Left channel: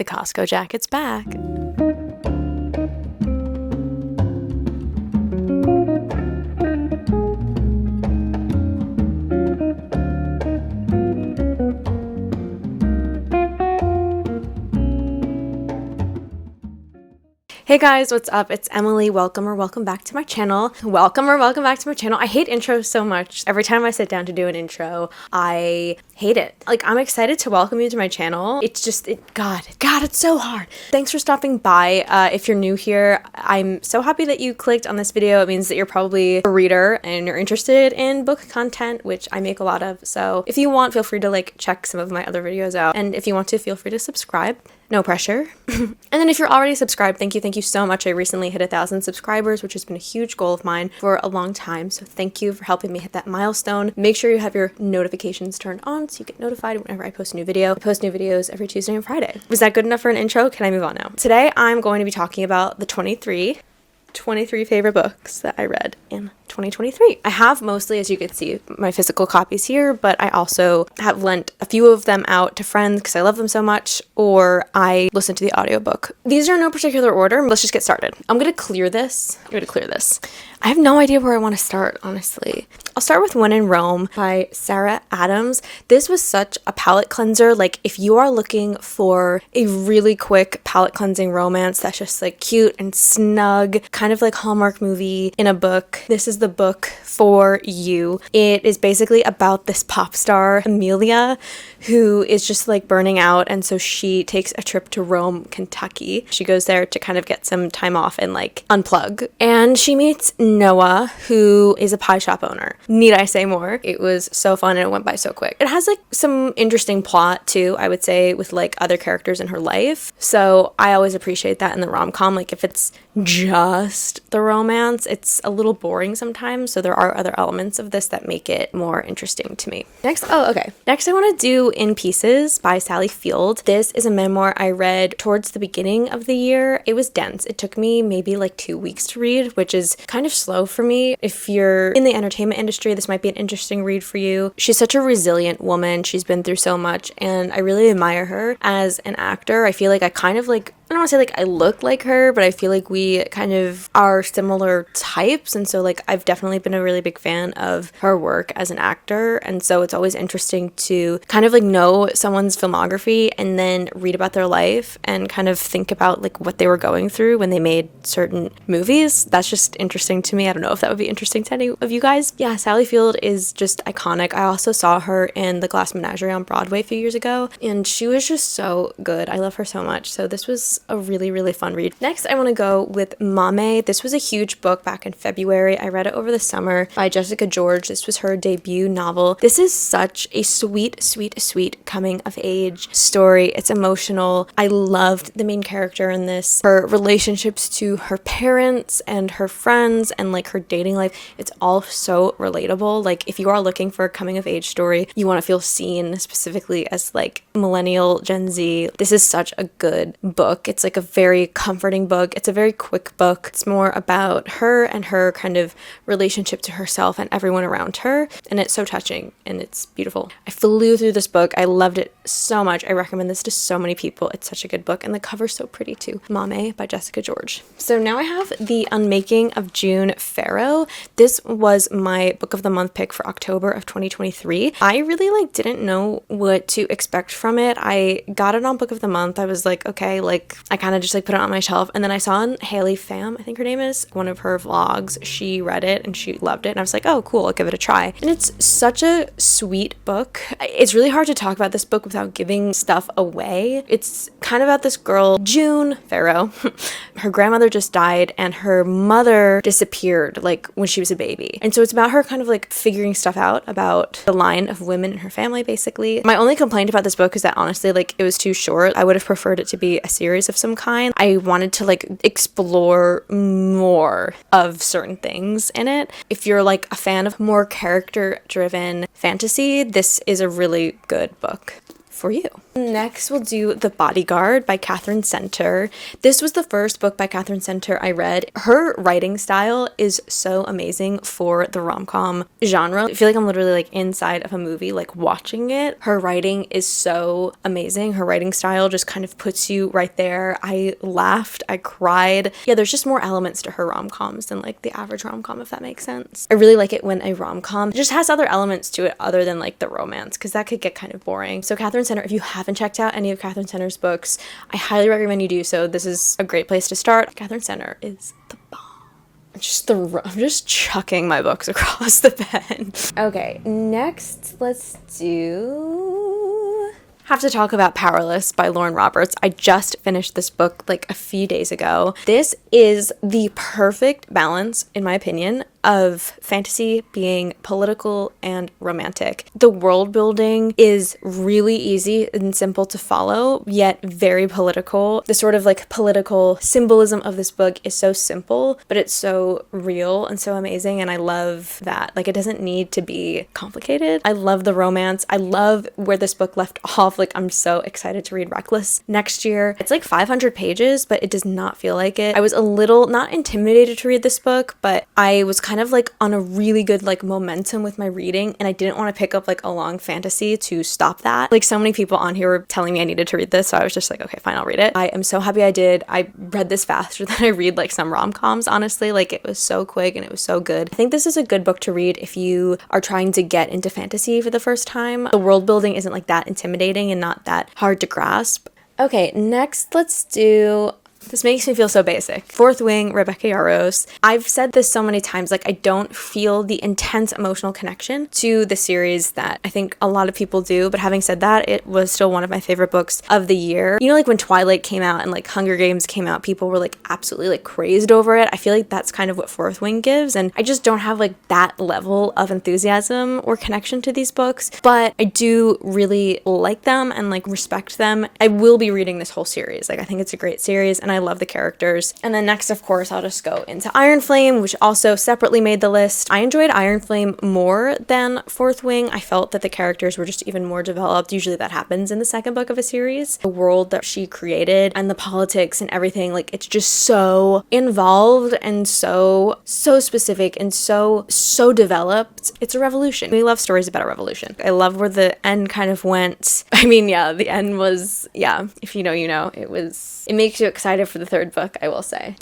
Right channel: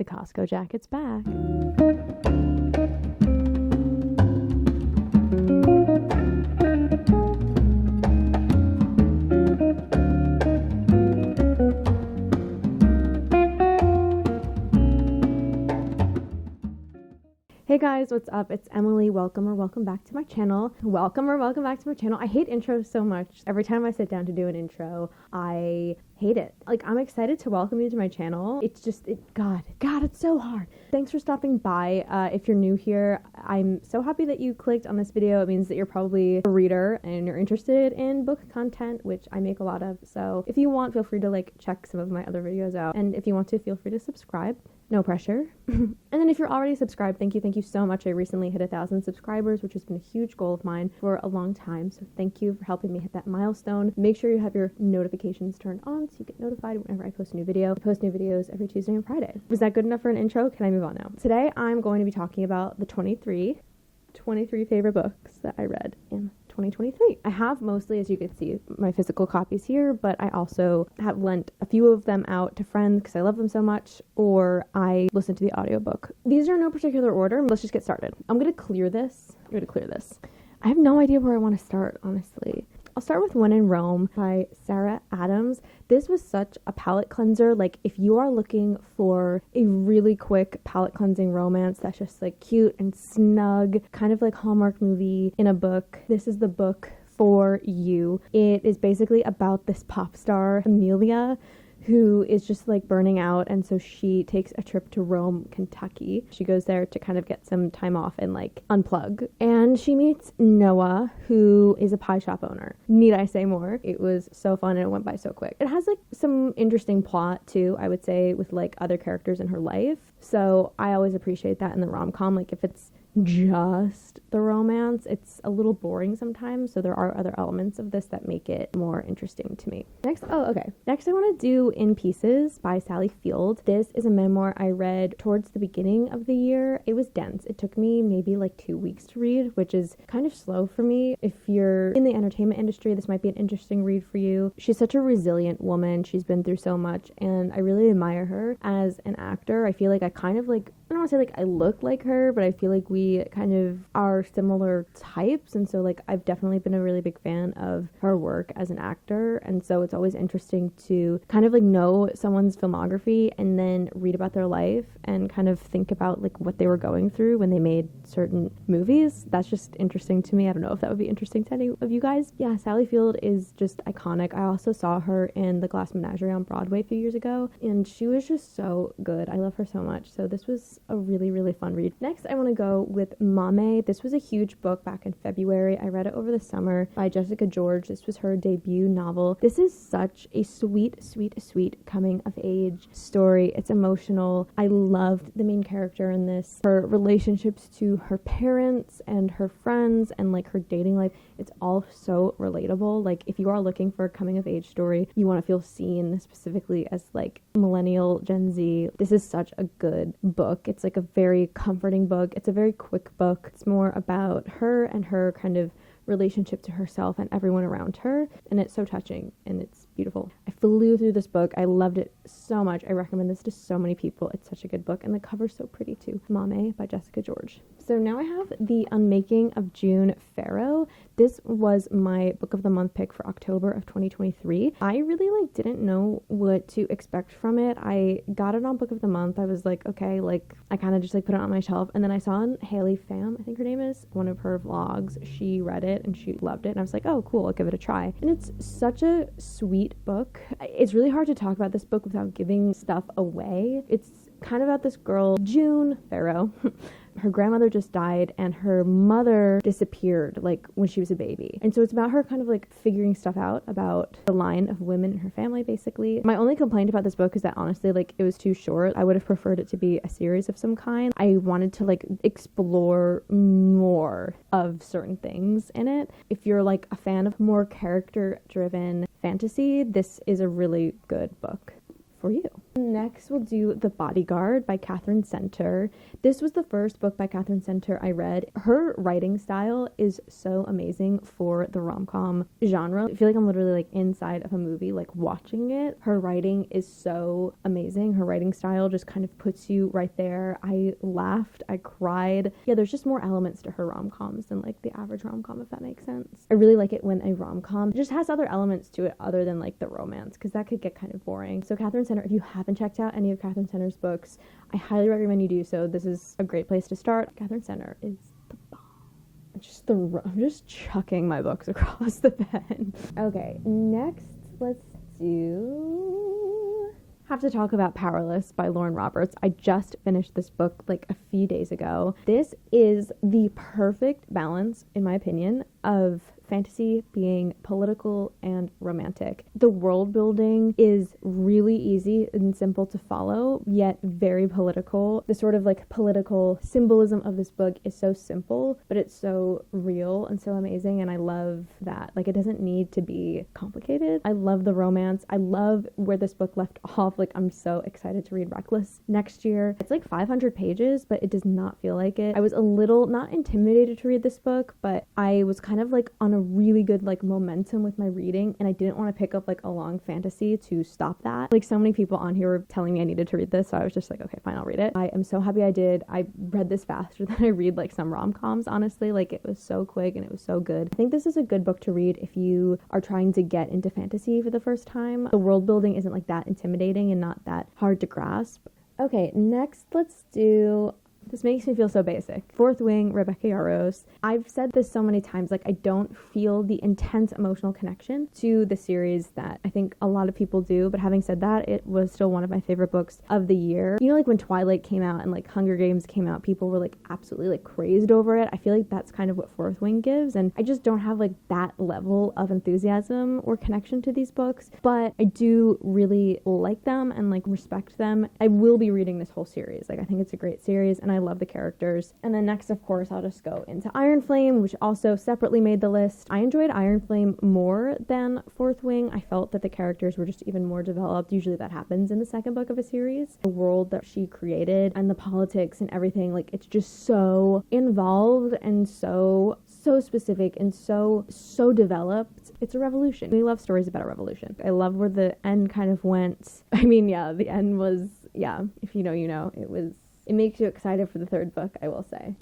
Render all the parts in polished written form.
The Costco jacket's back. Hey guys, what's up? It's Emily. Welcome back to my channel. Welcome back to my channel. I hate intros so much. Every time I sit down to do an intro, I hate it. Like, I'm excited to welcome you to my channel. It's just, God, it's so hard. Thanks for stopping by. If you're new here, I'm so happy that you clicked on this video. It means that you're probably a reader and you're interested in book content, which I make a lot of. So if you want, feel free to like check some of my other videos out. And if you want to, feel free to subscribe. No pressure. And then if you're already subscribed, thank you so much. I recently hit 1,000 subscribers, which has been a huge goal of mine for a long time. So thank you for helping me hit that milestone. Make sure you have your notifications turned on so you get notified whenever I post a new video. I post new videos every Tuesday and Friday. Was that good enough for an intro? Can I move on now? Today, I'm going to be talking about the 23 favorite books that I read in 2023. I have mostly, as you can see, my physical copies here, but I also have lent a few of them out to friends because I love them so much, or I listen to the audiobook. These are in no particular order. Let's just get started. I'm going to clear this. I have no idea where I want to start, honestly. I'll start with When in Rome by Sarah Adams. This was such a palate cleanser. Like, if you are looking for a really quick palate cleansing romance that's just like cute and snug, kind of like Hallmark movie in a book, this is the book for you. It is basically about this pop star, Amelia, who is just like burning out, and so she takes a trip to Rome, Kentucky. She goes there to kind of get some time off and like unplug, and she meets Noah, who is a pie shop owner. Need I say more? It was so fun and it went by so quick. It has like some interesting plot too, I would say, with like other characters in her life. So I always appreciate that in the rom-com. Like, if it's just the romance, it's a little boring sometimes. So there are other elements of this that make it more interesting to me. Next I want to do In Pieces by Sally Field. This is a memoir I read towards the beginning of the year. It was dense. It took me maybe like 2 weeks to read, which is kind of slow for me. If you're in the entertainment industry, this might be an interesting read for you. She's such a resilient woman. She's been through so much, and I really admire her as an actor. I feel like I kind of like, I don't want to say like I look like her, but I feel like we kind of are similar types. And so like I've definitely been a really big fan of her work as an actor. And so it's always interesting to kind of like know someone's filmography and then read about their life and kind of think about like what they were going through when they made certain movies. That's just interesting to me. I don't know if that would be interesting to any of you guys. Yeah, Sally Field is just iconic. I also saw her in The Glass Menagerie on Broadway a few years ago, and she was just so good. I love her so much. So this was a really, really fun read. Next, I want to go with Mame. This was a huge book back in February. I read it over the summer by Jessica George. This was her debut novel. This is such a sweet coming of age story. It's emotional. I loved the main character in this. Her relationships to her parents and her friends and like her dating life. It's all so relatable. Like, if you are looking for a coming of age story, you want to feel seen, specifically as like millennial Gen Z, this is such a good book. It's like a very comforting book. It's a very quick book. It's more about her and her kind of relationship to herself and everyone around her. And it's so touching and it's beautiful. I flew through this book. I loved it so much. I recommend this to so many people. It's such a good book. And the cover's so pretty too. Mame by Jessica George. So now I have The Unmaking of June Farrow. This was my book of the month pick for October of 2023. I really like didn't know what to expect from it. I got it on book of the month. I was like, okay, like I kind of just like put it on my shelf, and then I saw on Haley Pham, I think her name is, one of her vlogs, she read it and she loved it, and I was like, oh cool, I'll give it a try. And it's such a sweet book. It's really hard to talk about this book without giving stuff away. It's kind of about this girl, June Farrow. Her grandmother just died and her mother disappeared like when she was a baby, and so it's about her kind of like figuring stuff out about the line of women in her family, basically. My only complaint about this book is that honestly, like, it was too short. I would have preferred it to be a series of some kind. I wanted to like explore more of certain things in it. If you're like a fan of more character driven fantasy, this is a really good book for you. Next, we'll do The Bodyguard by Catherine Center. This was the first book by Catherine Center I read. Her writing style is so amazing for the rom-com genre. I feel like I'm literally like inside of a movie, like watching it. Her writing is so amazing. Her writing style just kind of puts you right there. I laughed, I cried. Yeah, there's just more elements to her rom-coms than like the average rom-com, if that makes sense. I really like it when a rom-com just has other elements to it other than like the romance, because that could get kind of boring. So Catherine Center, if you haven't checked out any of Catherine Center's books, I highly recommend you do so. This is a great place to start. Catherine Center is the bomb. I'm just chucking my books across the bed. Okay, next let's have to talk about Powerless by Lauren Roberts. I just finished this book like a few days ago. This is the perfect balance, in my opinion, of fantasy being political and romantic. The world building is really easy and simple to follow, yet very political. The sort of like political symbolism of this book is so simple, but it's so real and so amazing, and I love that. Like, it doesn't need to be complicated. I love the romance. I love where this book left off. Like, I'm so excited to read Reckless next year. It's like 500 pages, but it does not feel like it. I was a little not intimidated to read this book, but I was kind of like on a really good like momentum with my reading, and I didn't want to pick up like a long fantasy to stop that. Like, so many people on here were telling me I needed to read this, so I was just like, okay, fine, I'll read it. I am so happy I did. I read this faster than I read like some rom-coms, honestly. Like, it was so quick and it was so good. I think this is a good book to read if you are trying to get into fantasy for the first time. The world building isn't like that intimidating and not that hard to grasp. Okay, next let's do... This makes me feel so basic. Fourth Wing, Rebecca Yarros. I've said this so many times, like, I don't feel the intense emotional connection to the series that I think a lot of people do, but having said that, it was still one of my favorite books of the year. You know, like when Twilight came out and like Hunger Games came out, people were like absolutely like crazed over it. I feel like that's kind of what Fourth Wing gives, and I just don't have like that level of enthusiasm or connection to these books, but I do really like them and like respect them. I will be reading this whole series. Like, I think it's a great series, and I love the characters. And then next, of course, I'll just go into Iron Flame, which also separately made the list. I enjoyed Iron Flame more than Fourth Wing. I felt that the characters were just even more developed. Usually that happens in the second book of a series. The world that she created and the politics and everything, like, it's just so involved and so specific and so developed. It's a revolution. We love stories about a revolution. I love where the end kind of went. I mean, yeah, the end was, yeah, if you know, you know. It makes you excited for the third book, I will say.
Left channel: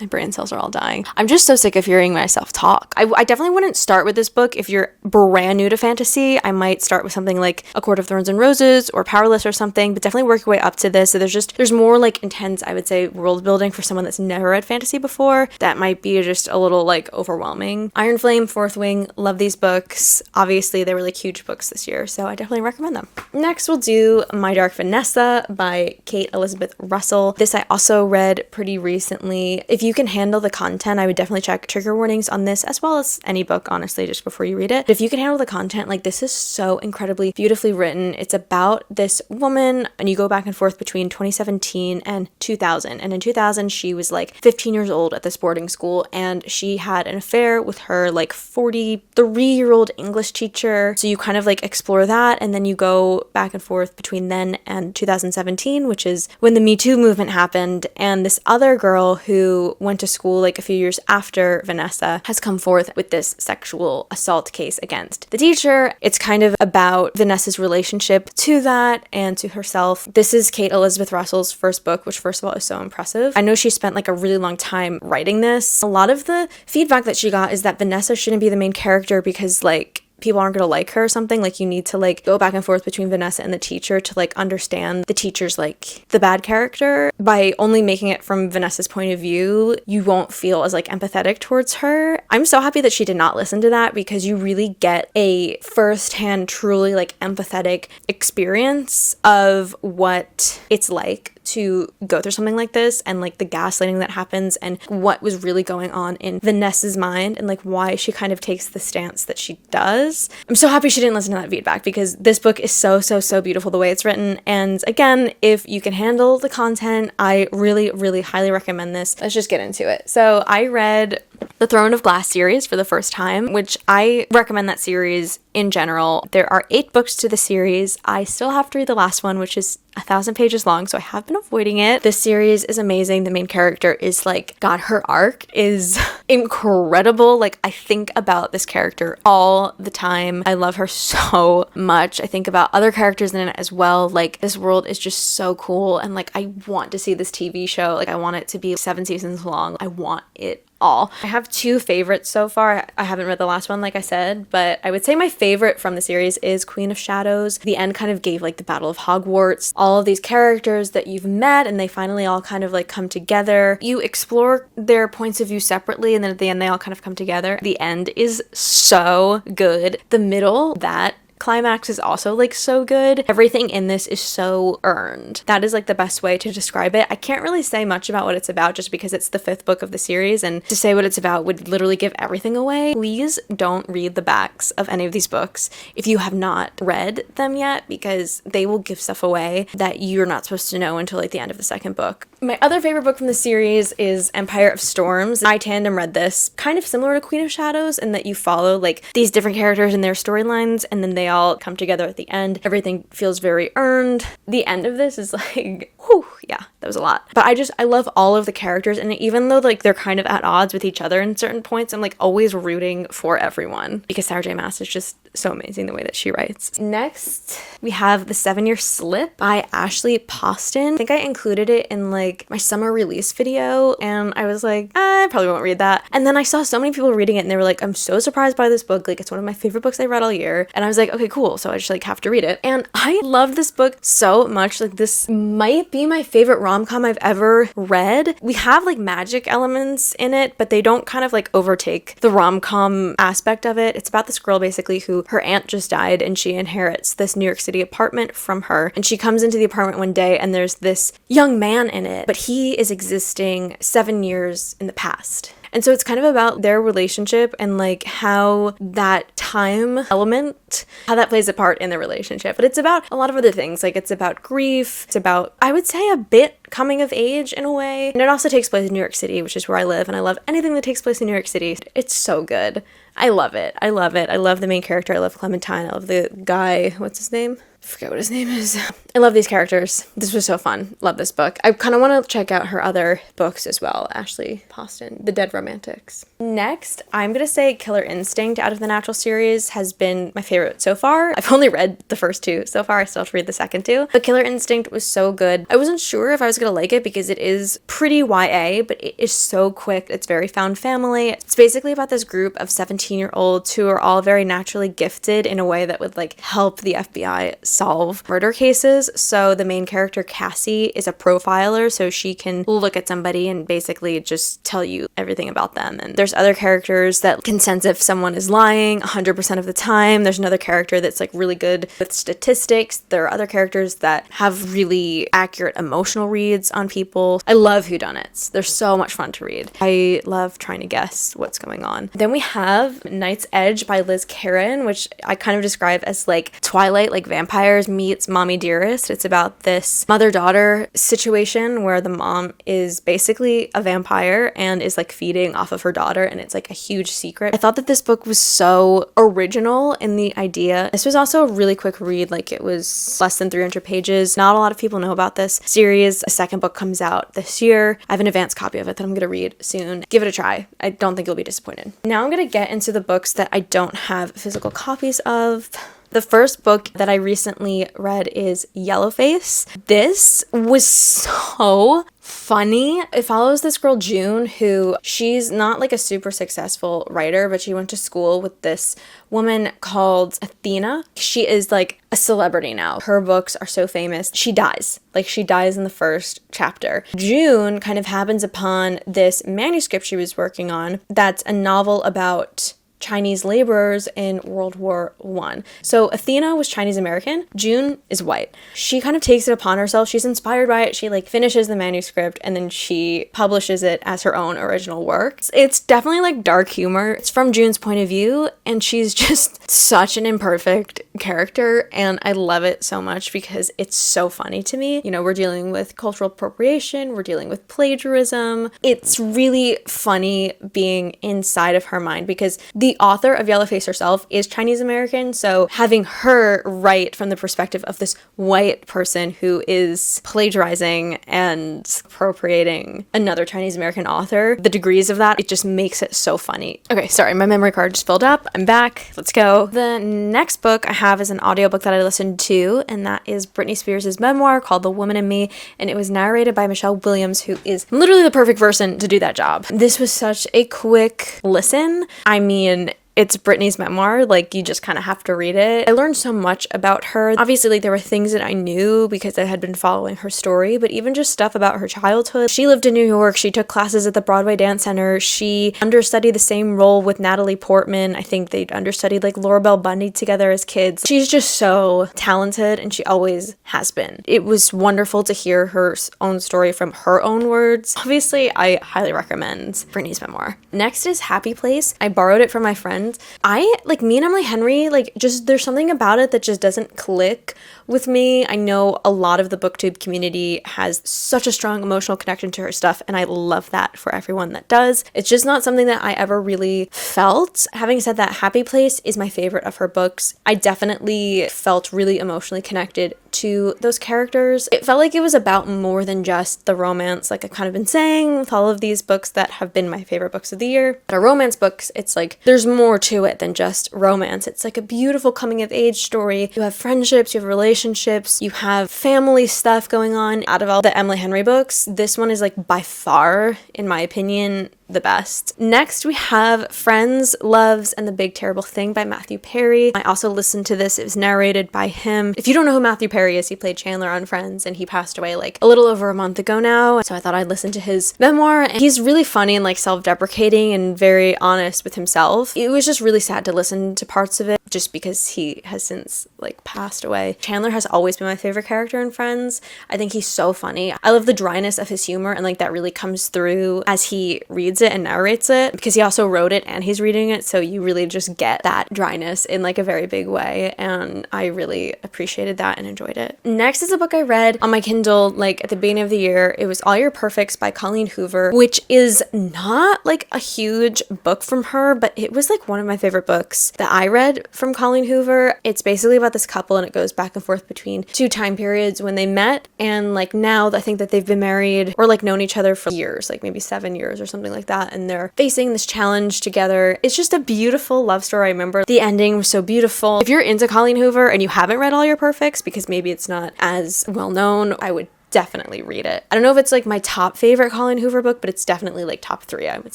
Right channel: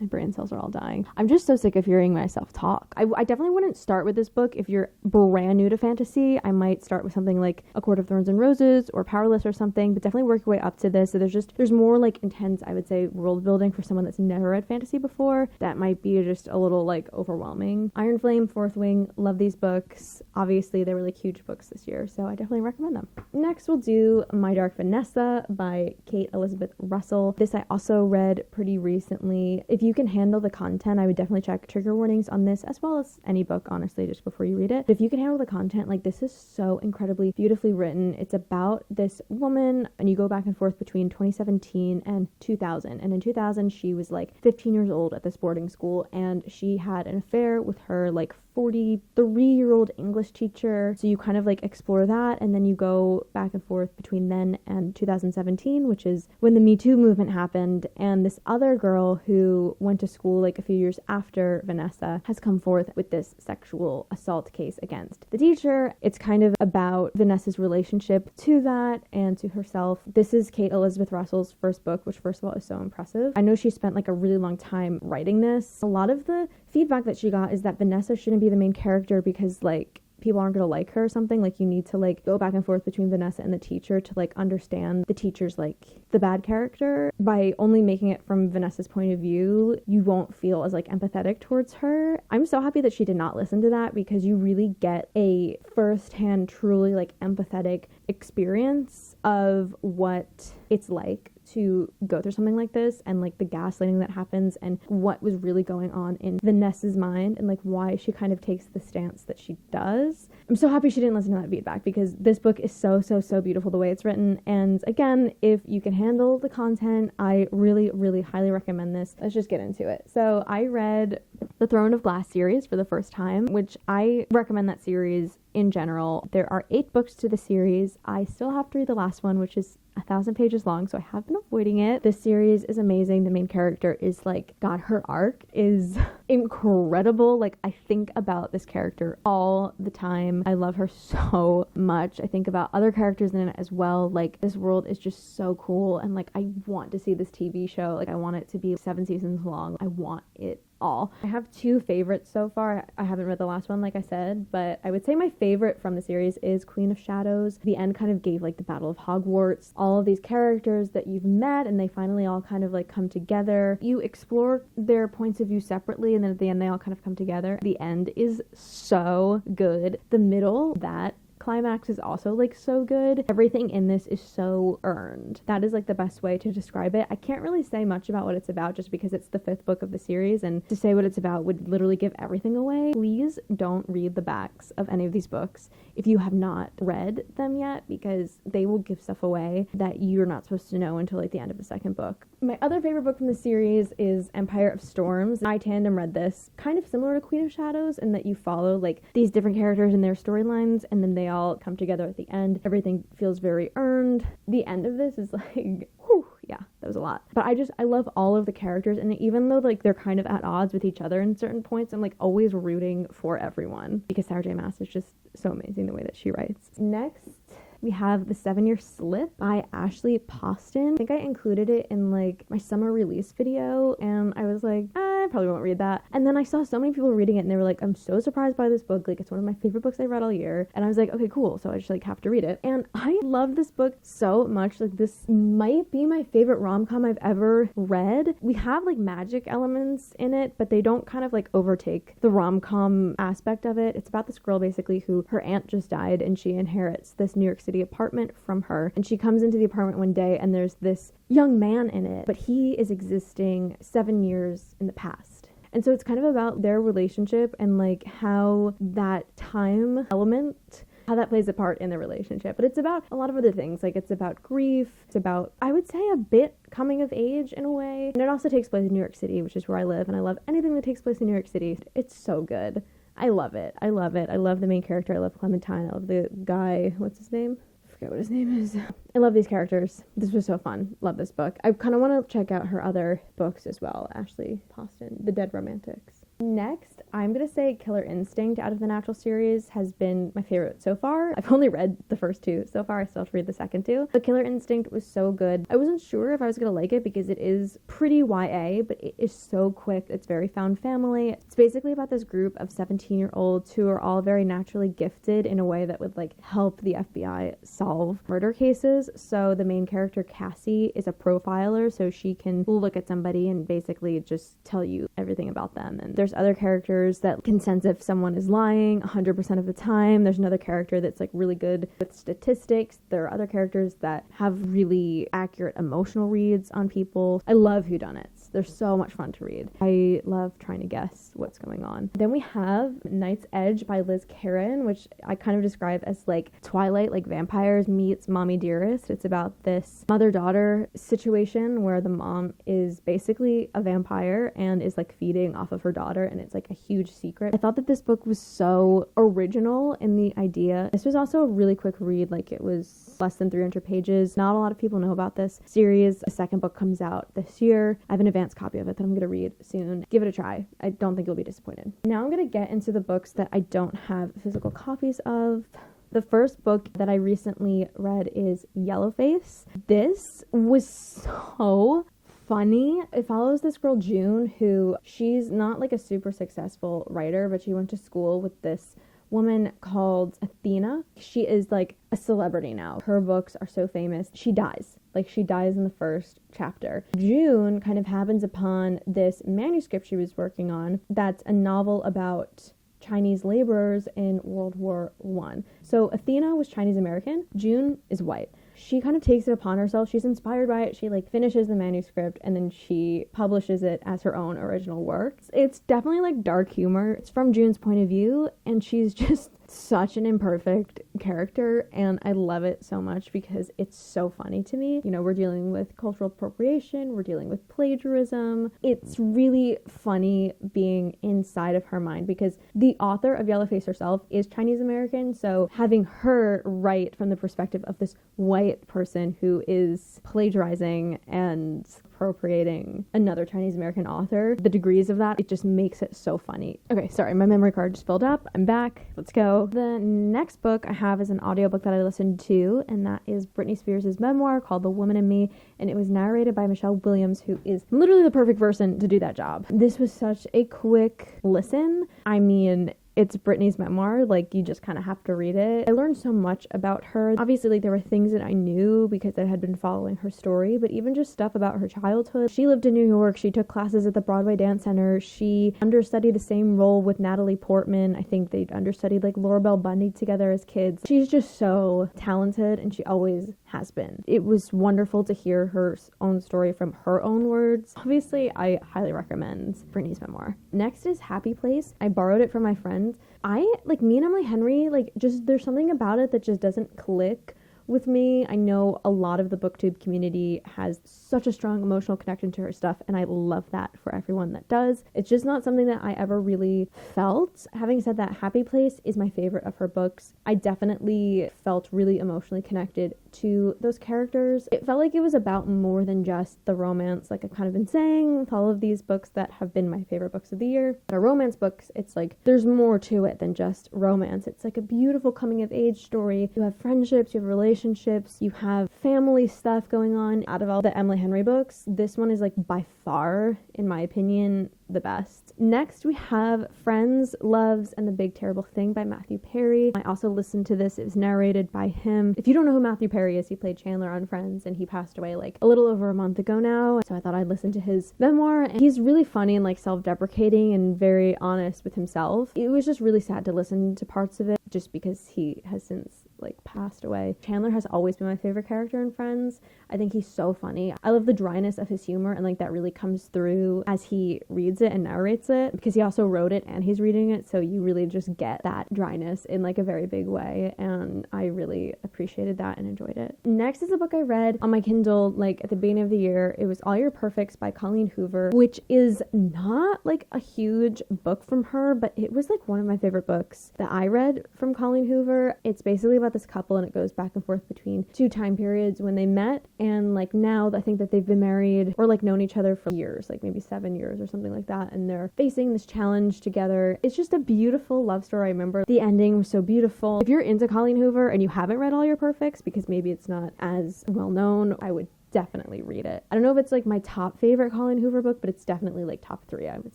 My brain cells are all dying. I'm just so sick of hearing myself talk. I definitely wouldn't start with this book if you're brand new to fantasy. I might start with something like A Court of Thorns and Roses or Powerless or something, but definitely work your way up to this. So there's more like intense, I would say, world building for someone that's never read fantasy before. That might be just a little like overwhelming. Iron Flame, Fourth Wing, love these books. Obviously, they were like huge books this year, so I definitely recommend them. Next, we'll do My Dark Vanessa by Kate Elizabeth Russell. This I also read pretty recently. If you can handle the content, I would definitely check trigger warnings on this, as well as any book, honestly, just before you read it. But if you can handle the content, like, this is so incredibly beautifully written. It's about this woman, and you go back and forth between 2017 and 2000. And in 2000, she was like 15 years old at this boarding school, and she had an affair with her like 43-year-old English teacher. So you kind of like explore that, and then you go back and forth between then and 2017, which is when the Me Too movement happened, and this other girl who went to school like a few years after Vanessa has come forth with this sexual assault case against the teacher. It's kind of about Vanessa's relationship to that and to herself. This is Kate Elizabeth Russell's first book, which first of all is so impressive. I know she spent like a really long time writing this. A lot of the feedback that she got is that Vanessa shouldn't be the main character because like people aren't going to like her or something. Like, you need to like go back and forth between Vanessa and the teacher to like understand the teacher's like the bad character. By only making it from Vanessa's point of view, you won't feel as like empathetic towards her. I'm so happy that she did not listen to that, because you really get a firsthand, truly like empathetic experience of what it's like to go through something like this, and like the gaslighting that happens and what was really going on in Vanessa's mind and like why she kind of takes the stance that she does. I'm so happy she didn't listen to that feedback, because this book is so beautiful the way it's written. And again, if you can handle the content, I really highly recommend this. Let's just get into it. So I read the Throne of Glass series for the first time, which I recommend that series in general. There are 8 books to the series. I still have to read the last one, which is 1,000 pages long, so I have been avoiding it. This series is amazing. The main character is like, God, her arc is incredible. Like, I think about this character all the time. I love her so much. I think about other characters in it as well. Like, this world is just so cool, and like, I want to see this TV show. Like, I want it to be 7 seasons long. I want it all. I have 2 favorites so far. I haven't read the last one, like I said, but I would say my favorite from the series is Queen of Shadows. The end kind of gave like the Battle of Hogwarts, all of these characters that you've met, and they finally all kind of like come together. You explore their points of view separately, and then at the end they all kind of come together. The end is so good. The middle, that climax is also like so good. Everything in this is so earned. That is like the best way to describe it. I can't really say much about what it's about just because it's the 5th book of the series, and to say what it's about would literally give everything away. Please don't read the backs of any of these books if you have not read them yet, because they will give stuff away that you're not supposed to know until like the end of the 2nd book. My other favorite book from the series is Empire of Storms. I tandem read this, kind of similar to Queen of Shadows in that you follow like these different characters and their storylines, and then they all come together at the end. Everything feels very earned. The end of this is like, whew, yeah, that was a lot. But I love all of the characters, and even though like they're kind of at odds with each other in certain points, I'm like always rooting for everyone, because Sarah J. Maas is just so amazing the way that she writes. Next, we have The 7-Year Slip by Ashley Poston. I think I included it in like my summer release video, and I was like, I probably won't read that. And then I saw so many people reading it, and they were like, I'm so surprised by this book. Like, it's one of my favorite books I read all year. And I was like, okay, cool. So I just like have to read it. And I loved this book so much. Like, this might be my favorite rom-com I've ever read. We have like magic elements in it, but they don't kind of like overtake the rom-com aspect of it. It's about this girl basically who her aunt just died, and she inherits this New York City apartment from her. And she comes into the apartment one day, and there's this young man in it, but he is existing 7 years in the past. And so it's kind of about their relationship and like how that time element, how that plays a part in the relationship. But it's about a lot of other things. Like, it's about grief. It's about, I would say, a bit coming of age in a way. And it also takes place in New York City, which is where I live. And I love anything that takes place in New York City. It's so good. I love it. I love it. I love the main character. I love Clementine. I love the guy. What's his name? I forget what his name is. I love these characters. This was so fun. Love this book. I kind of want to check out her other books as well. Ashley Poston, The Dead Romantics. Next, I'm going to say Killer Instinct out of the Natural series has been my favorite so far. I've only read the first 2 so far. I still have to read the second 2. But Killer Instinct was so good. I wasn't sure if I was going to like it because it is pretty YA, but it is so quick. It's very found family. It's basically about this group of 17-year-olds who are all very naturally gifted in a way that would like help the FBI solve murder cases. So the main character, Cassie, is a profiler, so she can look at somebody and basically just tell you everything about them. And there's other characters that can sense if someone is lying 100% of the time. There's another character that's like really good with statistics. There are other characters that have really accurate emotional reads on people. I love whodunits. They're so much fun to read. I love trying to guess what's going on. Then we have Night's Edge by Liz Karen, which I kind of describe as like Twilight, like vampires meets Mommy Dearest. It's about this mother-daughter situation where the mom is basically a vampire and is like feeding off of her daughter, and it's like a huge secret. I thought that this book was so original in the idea. This was also a really quick read. Like, it was less than 300 pages. Not a lot of people know about this series. A second book comes out this year. I have an advanced copy of it that I'm going to read soon. Give it a try. I don't think you'll be disappointed. Now I'm going to get into the books that I don't have physical copies of. The first book that I recently read is Yellowface. This was so funny. It follows this girl, June, who she's not like a super successful writer, but she went to school with this woman called Athena. She is like a celebrity now. Her books are so famous. She dies. Like, she dies in the first chapter. June kind of happens upon this manuscript she was working on that's a novel about Chinese laborers in World War I. So Athena was Chinese American, June is white. She kind of takes it upon herself. She's inspired by it. She like finishes the manuscript and then she publishes it as her own original work. It's definitely like dark humor. It's from June's point of view and she's just such an imperfect character and I love it so much because it's so funny to me. You know, we're dealing with cultural appropriation, we're dealing with plagiarism. It's really funny being inside of her mind because the author of Yellowface herself is Chinese American, so having her write from the perspective of this white person who is plagiarizing and appropriating another Chinese American author, the degrees of that, it just makes it so funny. Okay, sorry, my memory card just filled up. I'm back. Let's go. The next book I have is an audiobook that I listened to, and that is Britney Spears' memoir called The Woman in Me, and it was narrated by Michelle Williams, who is literally the perfect person to do that job. This was such a quick listen. I mean, it's Britney's memoir, like you just kind of have to read it. I learned so much about her. Obviously, like there were things that I knew because I had been following her story, but even just stuff about her childhood. She lived in New York. She took classes at the Broadway Dance Center. She understudied the same role with Natalie Portman. I think they understudied like Laura Bell Bundy together as kids. She's just so talented and she always has been. It was wonderful to hear her own story from her own words. Obviously, I highly recommend Britney's memoir. Next is Happy Place. I borrowed it from my friend. Me and Emily Henry, like just there's something about it that just doesn't click with me. I know a lot of the booktube community has such a strong emotional connection to her stuff and I love that for everyone that does. It's just not something that I ever really felt. Having said that, Happy Place is my favorite of her books. I definitely felt really emotionally connected to those characters. It felt like it was about more than just the romance, like I've kind of been saying with all of these books that have been my favorite books of the year. But romance books, it's like there's more to it than just romance. It's like a beautiful coming of age story. You have friendships, you have relationships, you have family stuff going on. Out of all the Emily Henry books, this one is like by far, in my opinion, the best. Next, we have Friends, Loves, and the Big Terrible Thing by Matthew Perry. I also listened to this. It was narrated by him. If you don't know who Matthew Perry is, he played Chandler on Friends, and he passed away like a little over a month ago now. So I thought I'd listen to his memoir, and he's really funny and like self-deprecating and very honest with himself. It was just really sad to listen to parts of it just because he has since like passed away. Chandler has always been my favorite character in Friends. I think he's so funny. I love the dryness of his humor and like that really comes through as he reads it and narrates it because he also wrote it and he's reading it, so you really just get that dryness in like a very big way, and I really appreciated that and enjoyed it. Next is a book I read on my Kindle like at the beginning of the year. It was All Your Perfects by Colleen Hoover, which is not like a huge book from her, but it was like one of my favorite books that I read from Colleen Hoover. It's basically about this couple and it goes back and forth between two time periods when they met and like now I think that they've been married or like known each other for years, like maybe 7 years or something like that, and they're facing this challenge together. It's just a beautiful love story. I remember the ending was so beautiful. If you're into Colleen Hoover and you haven't read All Your Perfects, because maybe it's not as well known, I would definitely read it. I don't know if it's like my top favorite Colleen Hoover book, but it's definitely like top 3, I would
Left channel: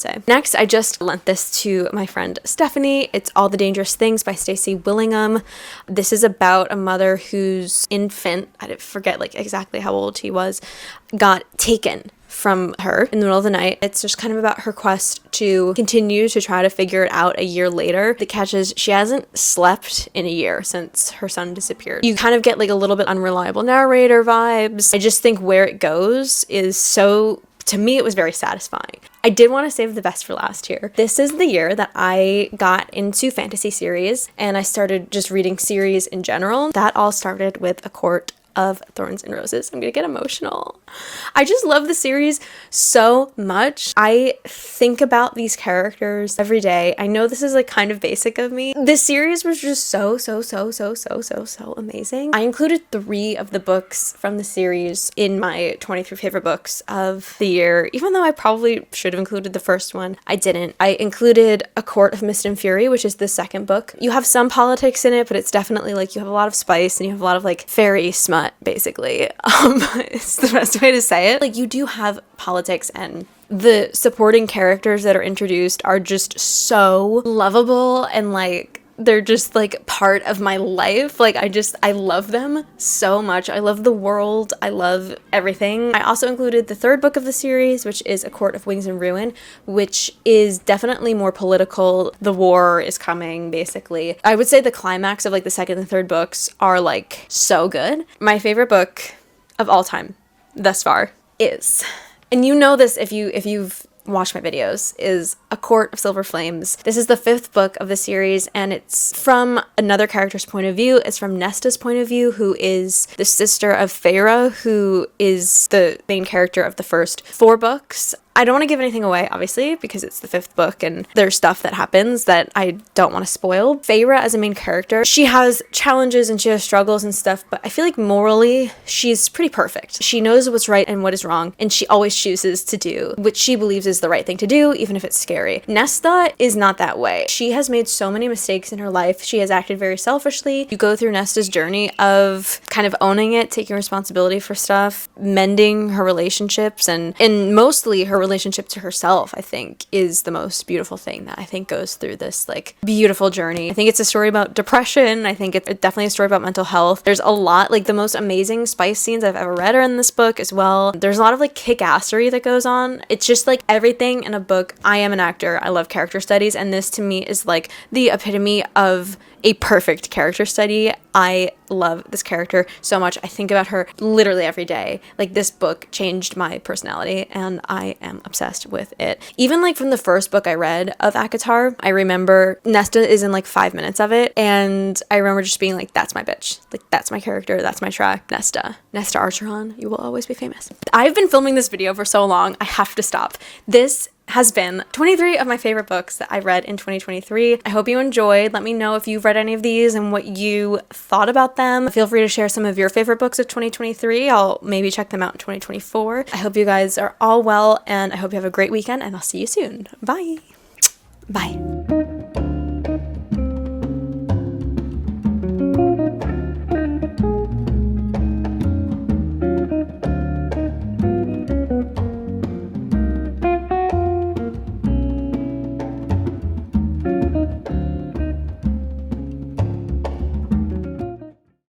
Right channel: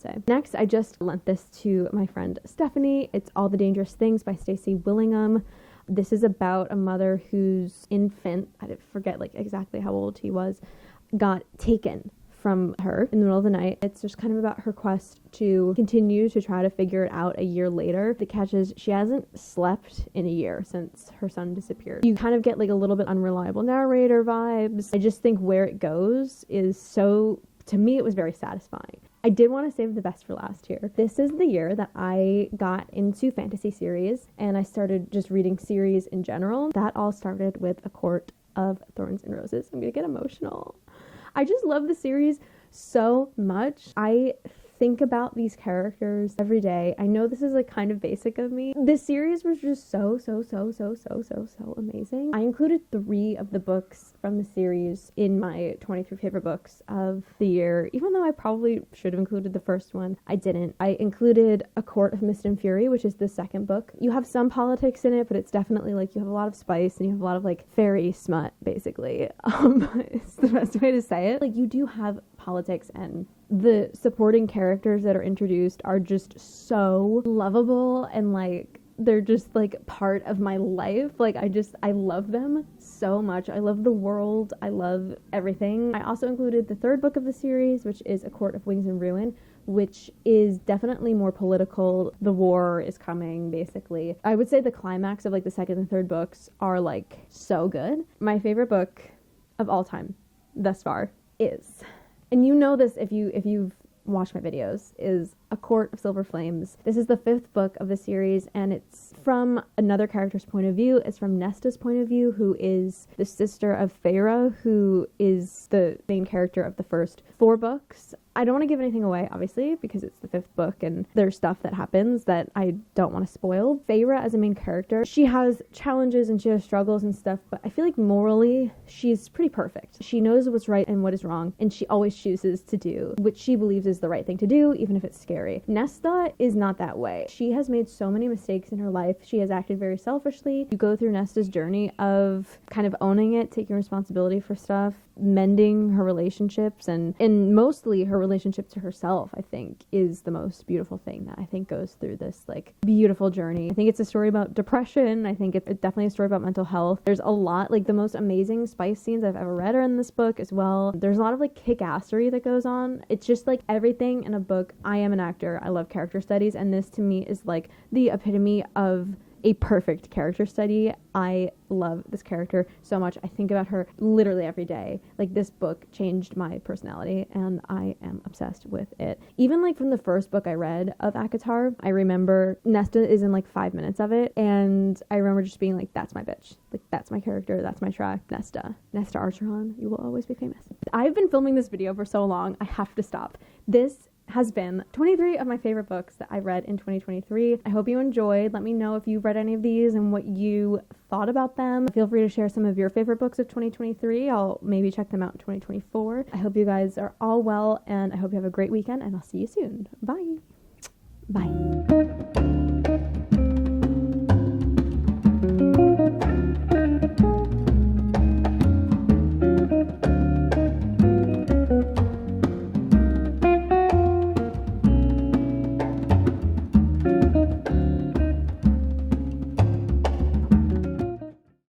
say. Next, I just lent this to my friend Stephanie. It's All the Dangerous Things by Stacey Willingham. This is about a mother whose infant, I forget like exactly how old he was, got taken from her in the middle of the night. It's just kind of about her quest to continue to try to figure it out a year later. The catch is she hasn't slept in a year since her son disappeared. You kind of get like a little bit unreliable narrator vibes. I just think where it goes is so, to me, it was very satisfying. I did want to save the best for last here. This is the year that I got into fantasy series and I started just reading series in general. That all started with A Court of Thorns and Roses. I'm gonna get emotional. I just love the series so much. I think about these characters every day. I know this is like kind of basic of me. This series was just so amazing. I included 3 of the books from the series in my 23 favorite books of the year, even though I probably should have included the first one. I didn't. I included A Court of Mist and Fury, which is the second book. You have some politics in it, but it's definitely like you have a lot of spice and you have a lot of like fairy smut, basically. It's the best way to say it. Like you do have politics and the supporting characters that are introduced are just so lovable and like they're just like part of my life. Like I love them so much. I love the world. I love everything. I also included the third book of the series, which is A Court of Wings and Ruin, which is definitely more political. The war is coming, basically. I would say the climax of like the second and third books are like so good. My favorite book of all time thus far is, and you know this if you've watched my videos, is A Court of Silver Flames. This is the fifth book of the series, and it's from another character's point of view. It's from Nesta's point of view, who is the sister of Feyre, who is the main character of the first four books. I don't want to give anything away, obviously, because it's the fifth book and there's stuff that happens that I don't want to spoil. Feyre, as a main character, she has challenges and she has struggles and stuff, but I feel like morally, she's pretty perfect. She knows what's right and what is wrong, and she always chooses to do what she believes is the right thing to do, even if it's scary. Nesta is not that way. She has made so many mistakes in her life. She has acted very selfishly. You go through Nesta's journey of kind of owning it, taking responsibility for stuff, mending her relationships, and mostly her relationship to herself, I think, is the most beautiful thing that I think goes through this like beautiful journey. I think it's a story about depression. I think it's definitely a story about mental health. There's a lot, like the most amazing spice scenes I've ever read are in this book as well. There's a lot of like kick-assery that goes on. It's just like everything in a book. I am an actor. I love character studies, and this to me is like the epitome of a perfect character study. I love this character so much. I think about her literally every day. Like, this book changed my personality and I am obsessed with it. Even like from the first book I read of ACOTAR, I remember Nesta is in like 5 minutes of it, and I remember just being like, that's my bitch. Like, that's my character. That's my track. Nesta Archeron, you will always be famous. I've been filming this video for so long, I have to stop. This has been 23 of my favorite books that I read in 2023. I hope you enjoyed. Let me know if you've read any of these and what you thought about them. Feel free to share some of your favorite books of 2023. I'll maybe check them out in 2024. I hope you guys are all well, and I hope you have a great weekend, and I'll see you soon. Bye. Bye.